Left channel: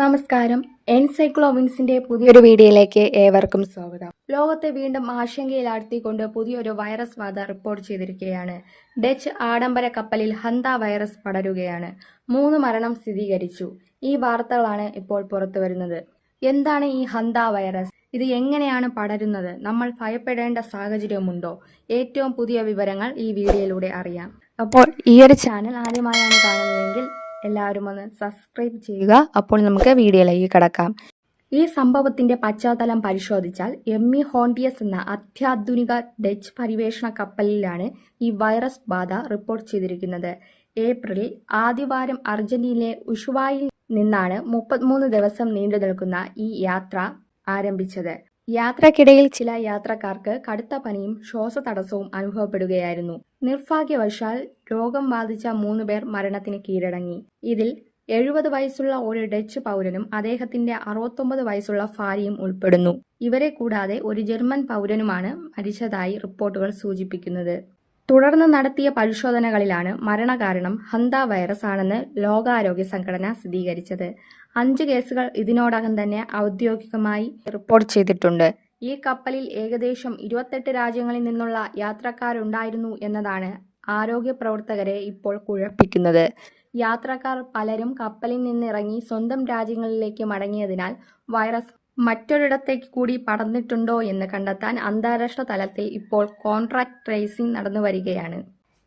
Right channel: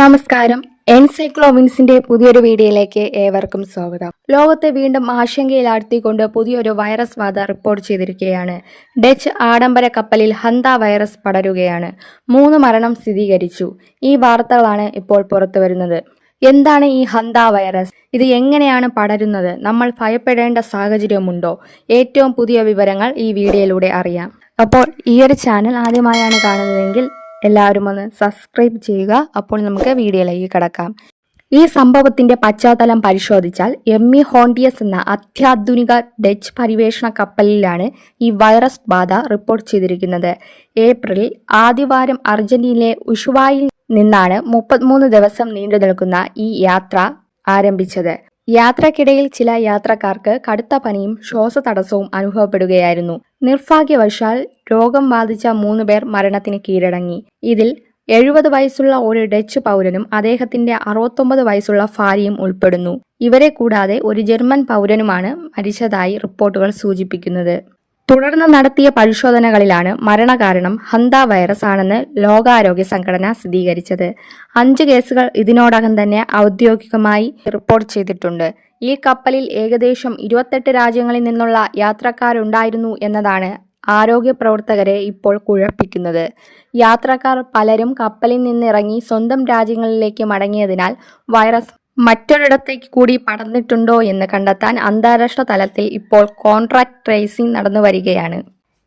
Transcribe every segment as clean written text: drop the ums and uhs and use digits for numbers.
നമസ്കാരം. എൻസൈക്ലോവിൻസിന്റെ പുതിയൊരു വീഡിയോയിലേക്ക് ഏവർക്കും സ്വാഗതം. ലോകത്തെ വീണ്ടും ആശങ്കയിലാഴ്ത്തിക്കൊണ്ട് പുതിയൊരു വൈറസ് ബാധ റിപ്പോർട്ട് ചെയ്തിരിക്കുകയാണ്. ഡച്ച് ആഡംബര കപ്പലിൽ ഹന്ത വൈറസ് പടരുകയാണ്. 3 മരണം സ്ഥിരീകരിച്ചു. ഈ വാർത്തകളാണ് ഇപ്പോൾ പുറത്തു വരുന്നത്. എന്താണ് ഈ ഹന്ത വൈറസ്? ഇത് എങ്ങനെയാണ് പടരുന്നത്? നമ്മൾ ഭയപ്പെടേണ്ട സാഹചര്യമുണ്ടോ? ഏറ്റവും പുതിയ വിവരങ്ങൾ ഈ വീഡിയോയിലൂടെ അറിയാം. അപ്പോൾ ഈ ഒരു ചാനൽ ആദ്യമായാണ് കാണുന്നതെങ്കിൽ എല്ലാവരും ഒന്ന് സബ്സ്ക്രൈബ് ചെയ്യുക. അപ്പോൾ നമുക്ക് വീഡിയോയിലേക്ക് കടക്കാം. ഈ സംഭവത്തിന്റെ പശ്ചാത്തലം പരിശോധിച്ചാൽ ഹോണ്ടിയസ് എന്ന അത്യാധുനിക ഡച്ച് പരിവേഷണ കപ്പലിലാണ് ഈ വൈറസ് ബാധ റിപ്പോർട്ട് ചെയ്തിരിക്കുന്നത്. ഏപ്രിലിൽ ആദ്യവാരം അർജന്റീനയിലെ ഉഷുവായിൽ നിന്നാണ് 33 ദിവസം നീണ്ടു നിൽക്കുന്ന ഈ യാത്ര ആരംഭിച്ചത്. യാത്രക്കിടയിൽ ചില യാത്രക്കാർക്ക് കടുത്ത പനിയും ശ്വാസതടസ്സവും അനുഭവപ്പെടുകയായിരുന്നു. നിർഭാഗ്യവശാൽ രോഗം ബാധിച്ച 3 പേർ മരണത്തിന് കീഴടങ്ങി. ഇതിൽ 70 വയസ്സുള്ള ഒരു ഡച്ച് പൗരനും അദ്ദേഹത്തിന്റെ 69 വയസ്സുള്ള ഭാര്യയും ഉൾപ്പെടുന്നു. ഇവരെ കൂടാതെ ഒരു ജർമ്മൻ പൗരനുമാണ് മരിച്ചതായി റിപ്പോർട്ടുകൾ സൂചിപ്പിക്കുന്നത്. തുടർന്ന് നടത്തിയ പരിശോധനകളിലാണ് മരണകാരണം ഹന്ത വൈറസ് ആണെന്ന് ലോകാരോഗ്യ സംഘടന സ്ഥിരീകരിച്ചത്. 5 കേസുകൾ ഇതിനോടകം തന്നെ ഔദ്യോഗികമായി റിപ്പോർട്ട് ചെയ്തിട്ടുണ്ട്. ഈ കപ്പലിൽ ഏകദേശം 28 രാജ്യങ്ങളിൽ നിന്നുള്ള യാത്രക്കാരുണ്ടായിരുന്നു എന്നതാണ് ആരോഗ്യ പ്രവർത്തകരെ ഇപ്പോൾ കുഴപ്പിക്കുന്നത്. യാത്രക്കാർ പലരും കപ്പലിൽ നിന്നിറങ്ങി സ്വന്തം രാജ്യങ്ങളിലേക്ക് മടങ്ങിയതിനാൽ വൈറസ് മറ്റൊരിടത്തേക്ക് കൂടി പടർന്നിട്ടുണ്ടോ എന്ന് കണ്ടെത്താൻ അന്താരാഷ്ട്ര തലത്തിൽ ഇപ്പോൾ കോൺട്രാക്ട് ട്രേസിംഗ് നടന്നു വരികയാണ്.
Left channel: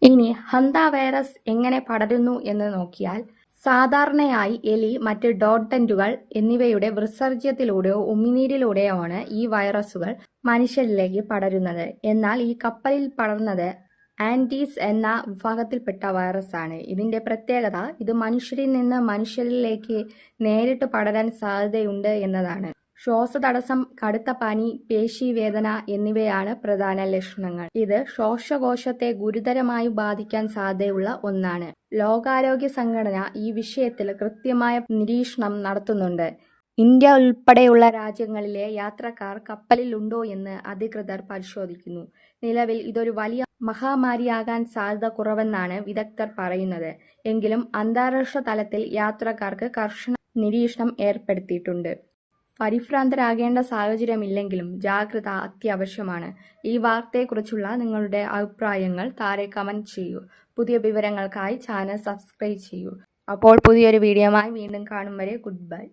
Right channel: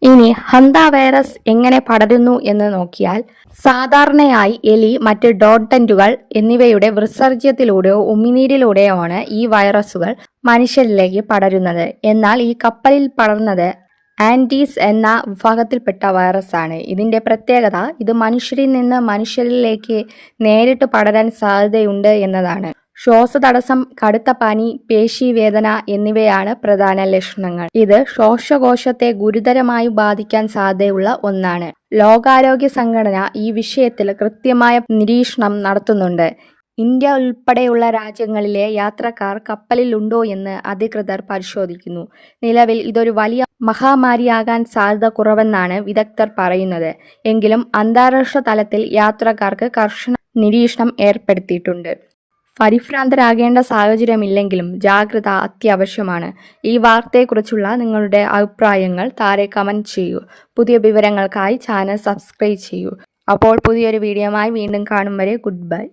ഇനി ഹന്ത വൈറസ് എങ്ങനെ പടരുന്നു എന്ന് നോക്കിയാൽ, സാധാരണയായി എലി, മറ്റ് ഡോഡന്റുകൾ എന്നിവയുടെ വിസർജ്യത്തിലൂടെയോ ഉമിനീരിലൂടെയോ ആണ് ഈ വൈറസുകൾ മനുഷ്യരിലേക്ക് പടരുന്നത്. എന്നാൽ ഈ കപ്പലിൽ പടർന്നത് ആൻഡീസ് എന്ന വിഭാഗത്തിൽപ്പെട്ട വൈറസാണ്. ഇതിന്റെ പ്രത്യേകത ഇത് മനുഷ്യരിൽ നിന്ന് മനുഷ്യരിലേക്ക് നേരിട്ട് പടരാൻ സാധ്യതയുണ്ട് എന്നതാണ്. ശ്വാസതടസ്സം, കടുത്ത പനി, പേശീവേദന എന്നിവയാണ് പ്രധാന ലക്ഷണങ്ങൾ. ഇത് ശ്വാസകോശത്തെ ഗുരുതരമായി ബാധിക്കാൻ സാധ്യതയുള്ള ഒന്നാണ്. ലോകാരോഗ്യ സംഘടന ഈ വിഷയത്തിൽ കൃത്യമായ നിരീക്ഷണം നടത്തുന്നുണ്ട്. ഇന്ത്യ ഉൾപ്പെടെയുള്ള രാജ്യങ്ങളിലെ യാത്രക്കാർ കപ്പലിൽ ഉണ്ടോ എന്ന് അധികൃതർ പരിശോധിക്കുന്നു. നിലവിൽ ഇതൊരു വലിയ മഹാമാരിയാകാൻ സാധ്യത കുറവെന്നാണ് വിദഗ്ധർ പറയുന്നത്. എങ്കിലും അന്താരാഷ്ട്ര തലത്തിൽ യാത്രക്കാർക്ക് കർശന നിരീക്ഷണം ഏർപ്പെടുത്തിയിട്ടുണ്ട്. പരിഭ്രാന്തരാകേണ്ട സാഹചര്യമില്ലെങ്കിലും ജാഗ്രത അത്യാവശ്യമാണ്. ഈ വാർത്തയെക്കുറിച്ചുള്ള നിങ്ങളുടെ അഭിപ്രായങ്ങൾ താഴെ കമന്റ് ചെയ്യൂ. പുതിയ വിവരങ്ങൾക്കായി ചാനൽ സബ്സ്ക്രൈബ് ചെയ്യൂ. അപ്പോൾ പുതിയൊരു വീഡിയോയുമായി വീണ്ടും കാണും വരെ ഗുഡ് ബൈ.